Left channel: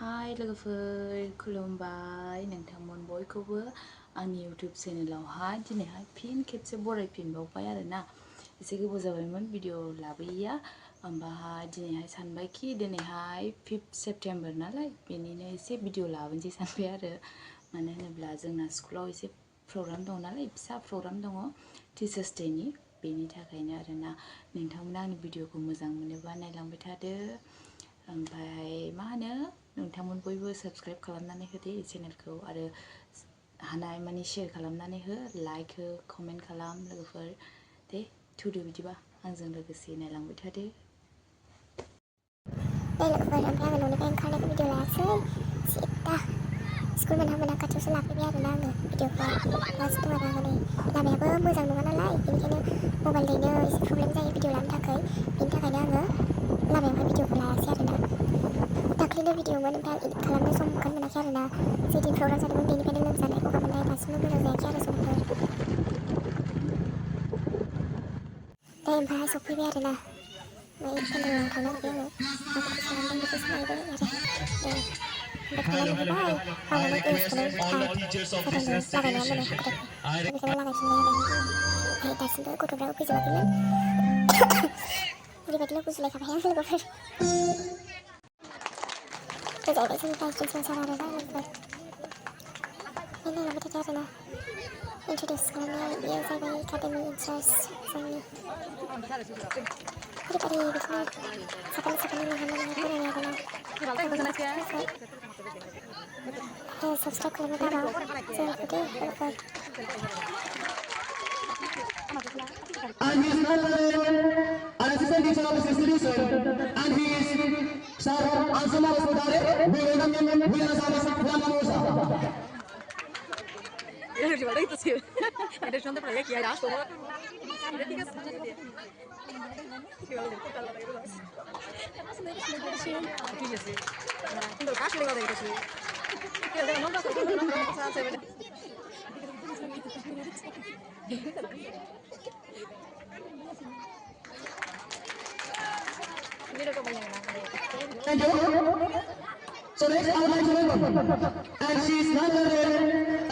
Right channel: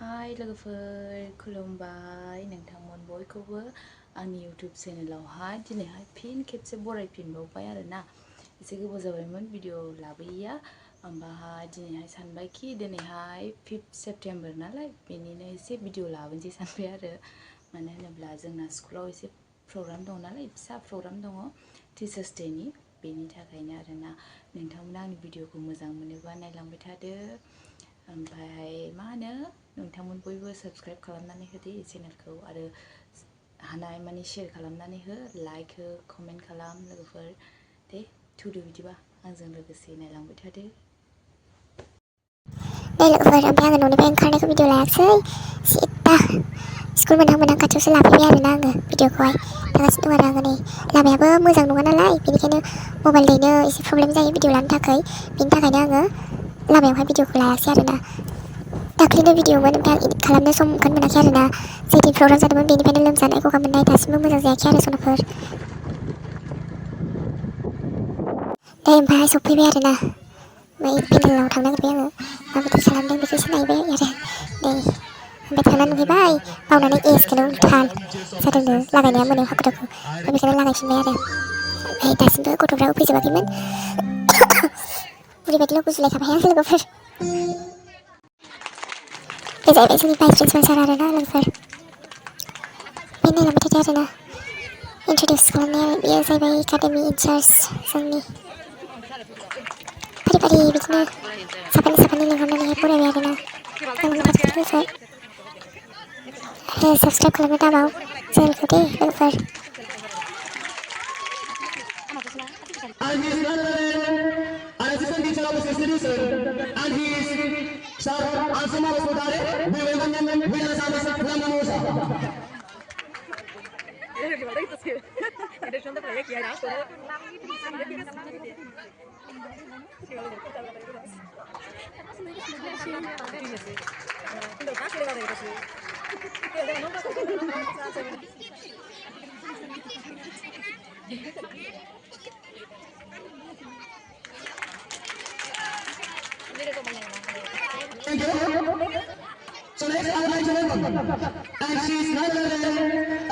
हाय लोगोफोर खुलुमबाय नोंथांमोन बयखौबो आंनि YouTube चेनेलावहाय दिनैहाय फिन खेबसे बरायफिनबावबाय आरोना एसे गोबाव जाबायमोन भिडिअ लाबोयैया ओमफ्राय दिनैहाय सानबायखि दिनैहाय 5 सेप्टेम्बर नालाय बेनिनो एसे भिडिअ लाबोनोसै सानबाय आरो मानो होनोब्ला जोंना स्कुलाव एसे प्रग्राम दं नालाय फिसा प्रग्राम दङ टिचार्स डेनि बेनि थाखायनो आरोना नोंथांमोना आंनि भिडिअखौ मोजां मोनोबा नायलांबाय थादो ओमफ्राय मा होनो नोंथांमोन बयबो साबस्क्राइब खालामनानै होदो चेनेलखौ आरो हानाय मानि शेयार खालामनानै हो लाइक हो कमेन्ट खालाम लोगोफोर दे थुदो बिदिबा आंजों लोगोसे नायलांबाय थादो लोगोफोर ओमफ्राय आङो न'निफ्राय ओंखारनायखौ भिडिअ लायाखिसै सिदा स्कुल मोनहां खाथियावसो लाफैबाय आरोना आङो भिडिअखौहाय थांगासिनो दं आरो आङो नै लामायाबो मोजां नङा नालाय बेनिखायनो मबाइल दैनो एसे प्रब्लेम जायो भिडिअ लानो थाखाय बेनि थाखायनो आङो लामायावहाय भिडिअखौ लायाखिसै आरोना दाख्लैनो भिडिअमोन ओमफ्राय इडिट खालामनो सम मोनाखै आरोना जेदिन प्रग्राम जादोंमोन बेनिफ्रायनो लोमजानाय गगा मोननाय दासिमबो मोजां जायाखै आरो सनाफोर दे ओमफ्राय सफैबाय आरोना ओमफ्राय पेन्डेलाव थांनो नागिरबाय आङो माबायदि खालामदों बेखौसो नायबाय आरो दे ओमफ्राय थांनानै नुहैबाय बावनानै एसखौनो उल्था जादोंनो लागायनाया मोनो हाखु दाखु ओमफ्राय बेखौनो लागायफिनबाय आरो ओमफ्राय दासिमबो गथ'फ्राबो फैजोबाखैमोन ओरैबायदिल' गुजुलायखाबाय आं लोगोफोर बे जाहैबाय जोंनि भाइस प्रिन्सिपाल सार आरोना लोगोफोर बे नायलांबाय थादो आरोना इन्ट्रडिउस खालामनाया बेयो जाहैबाय एकाडेमि इनचार्ज जोंनि फारि फारि बिदिनो साफानि लिंहरनानैहाय बरायबाय आरोना नायलांबाय थादो लोगोफोर आरो साबस्क्राइब खालामनो दाबाव चेनेलखौ दे लोगोफोर And he is none other than an assistant teacher of this institution, and he is Sir Ansuma Rasodare. We welcome him with a service from Namosa. Thank you. So next I would like to welcome, and she is none other than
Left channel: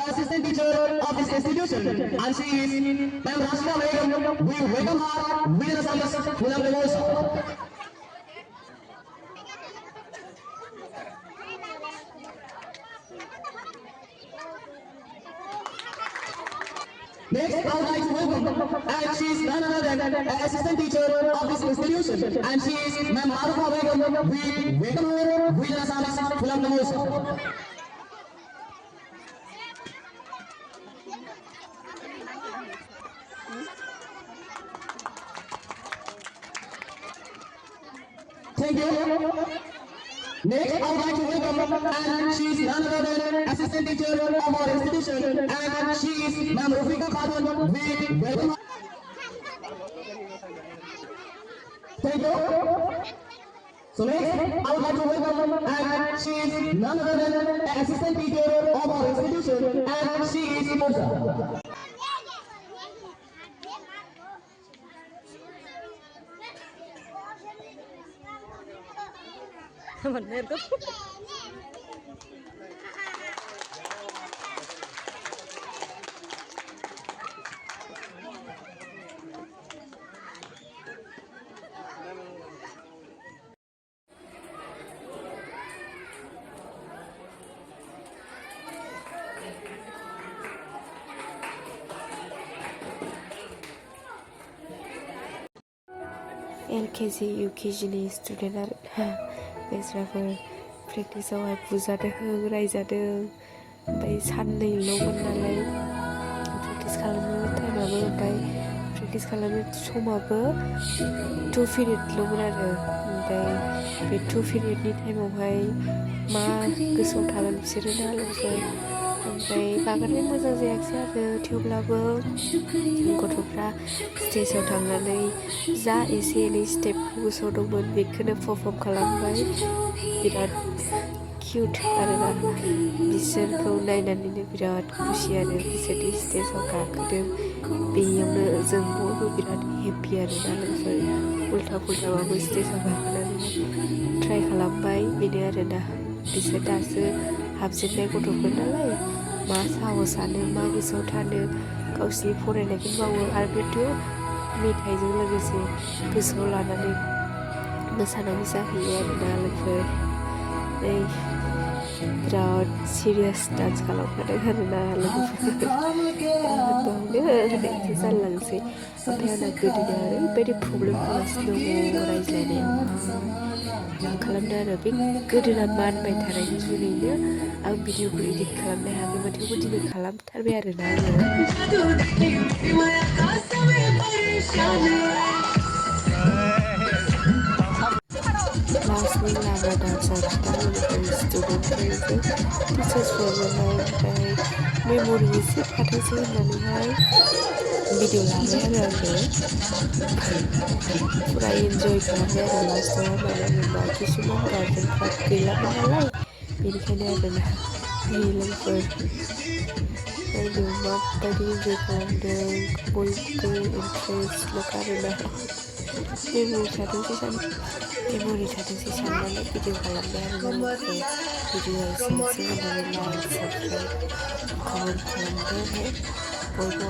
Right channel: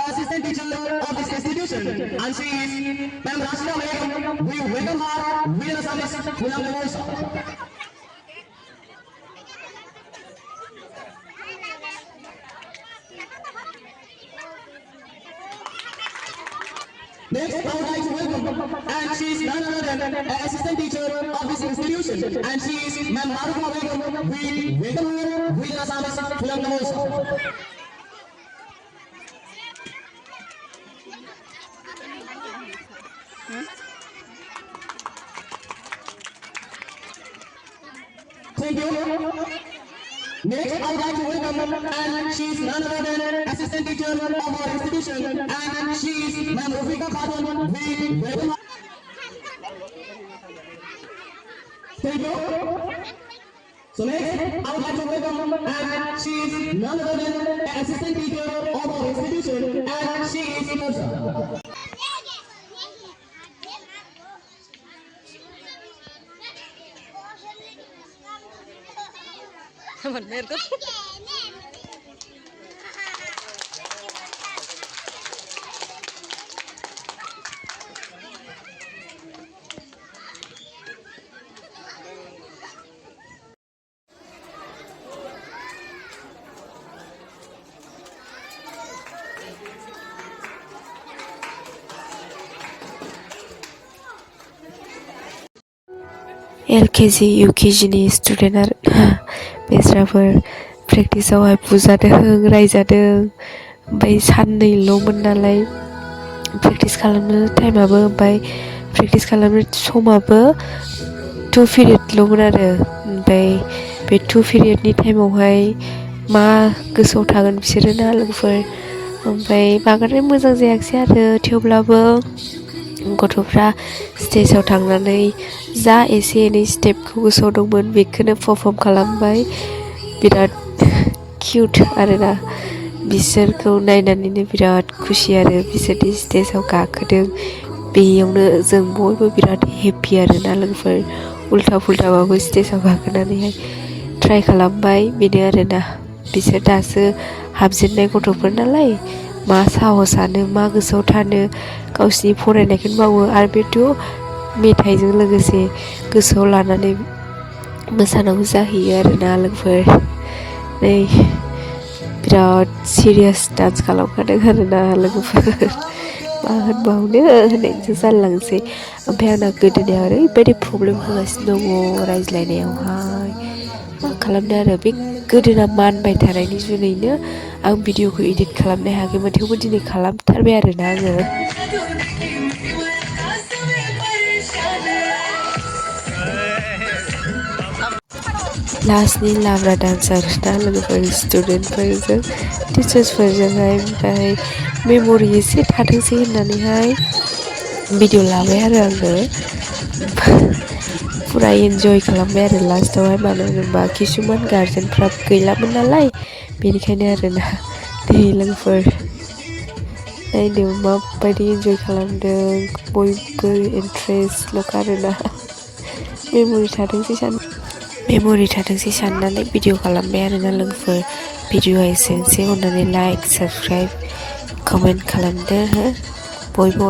assistant teacher of this institution, and she is Ma'am Rashna Begum. We welcome her with a service from Namosa. Next, I would like to welcome, and she is none other than an assistant teacher of this institution, and she is Ma'am Rashna Begum. We welcome her with a service from Namosa. Thank you. Next, I would like to welcome, and she is none other than assistant teacher of our institution, and she is Ma'am Rufika Khatun. We welcome her. Thank you. So next, I would like to welcome, and she is none other than assistant teacher of our institution, and she is Musa. मेरे को LKG UKGनि student आरो बेस्राफोर प्रेक्टिसावहाय बुजादों रायजादों ओमफ्राय साननैल'मोन नालाय practice खालामनो टाइमाबो ओमफ्राय practice खालामनो समाबो 2 पिरियडल'मोन आरो ओमफ्राय बे 2 पिरियडनि टाइमावहाय मा गोसोआव थागोन बिसोरो ना लोगोफोर ओमफ्राय बांद्राय मोजां जायाखिसै आरो थेवब्लाबो गथ'फ्रा स्टेजाव थांनानै जा एसे एनै स्टेपखौ गोसोआव दंमोन बेखौनो पारफर्म खालामबाय बिराद किउट आरोना बिसोरखौ नायनानैनो बिराद खुसि आरो बिसोरनि स्टेजाव गाखोदों बेयावनो जों बयबो बिराद हेपि आरोना लोगोफोर उल्था पुल्थाबाबो स्टेजाव गाखोनानैहाय ट्राइ खालामबाय बेनो आरोना बिसोर दासो हाबजेननाय गथ'फोर नालाय मा साहसानो मा गोसोआव थानो गावसिनि फरायनायखौनो मावो आरो बेथ' मेथाइजों लोगोसे गोसोआव लानानै मोसानांगौ जाहैयो आरोना लोगोफोर नै बिराद सिरियास डान्स खालामखादों आरोना लोगोफोर मा होनबावनो होननायसो जालांसै ओमफ्राय आंना गोदोनायाव ओरैबायदि प्रब्लेम होगासिनो दङ रायज्लायनायावहाय मा खालामनो आरो बे गोदोना मानबाय थानायनि जुनैनो आं भिडिअखौ इडिट खालामनो हायाखैमोन थेवबो दिनै खालामथारबाय आरोना आङो लास्टनि लाब्रा डान्सार ना लोगोफोर स्टुडेन्टफोरजों टिचार्सफोरजोंहाय ओमफ्राय मेम'रि एसे थाथोंसै होननानैहाय भिडिअ लाबाय आरो आङो फुरा इन्जय खालामबाय आरो लास्टावहाय मानो होनोबा किसुमान गार्जेनफ्रा गैलामोन नालाय बेनिखायनो आरोना दे लोगोफोर नायनो माबायदि इन्जय खालामदों बयबो इन्ट्रेस्टल'खा आरोना मेम'रि थाथोंसै साननानै भिडिअ खालामबाय आरोना लोगोफोर भिडिअआ एसेनोसै अननानै लाइक साबस्क्राइब कमेन्ट खालामदो हो बयबो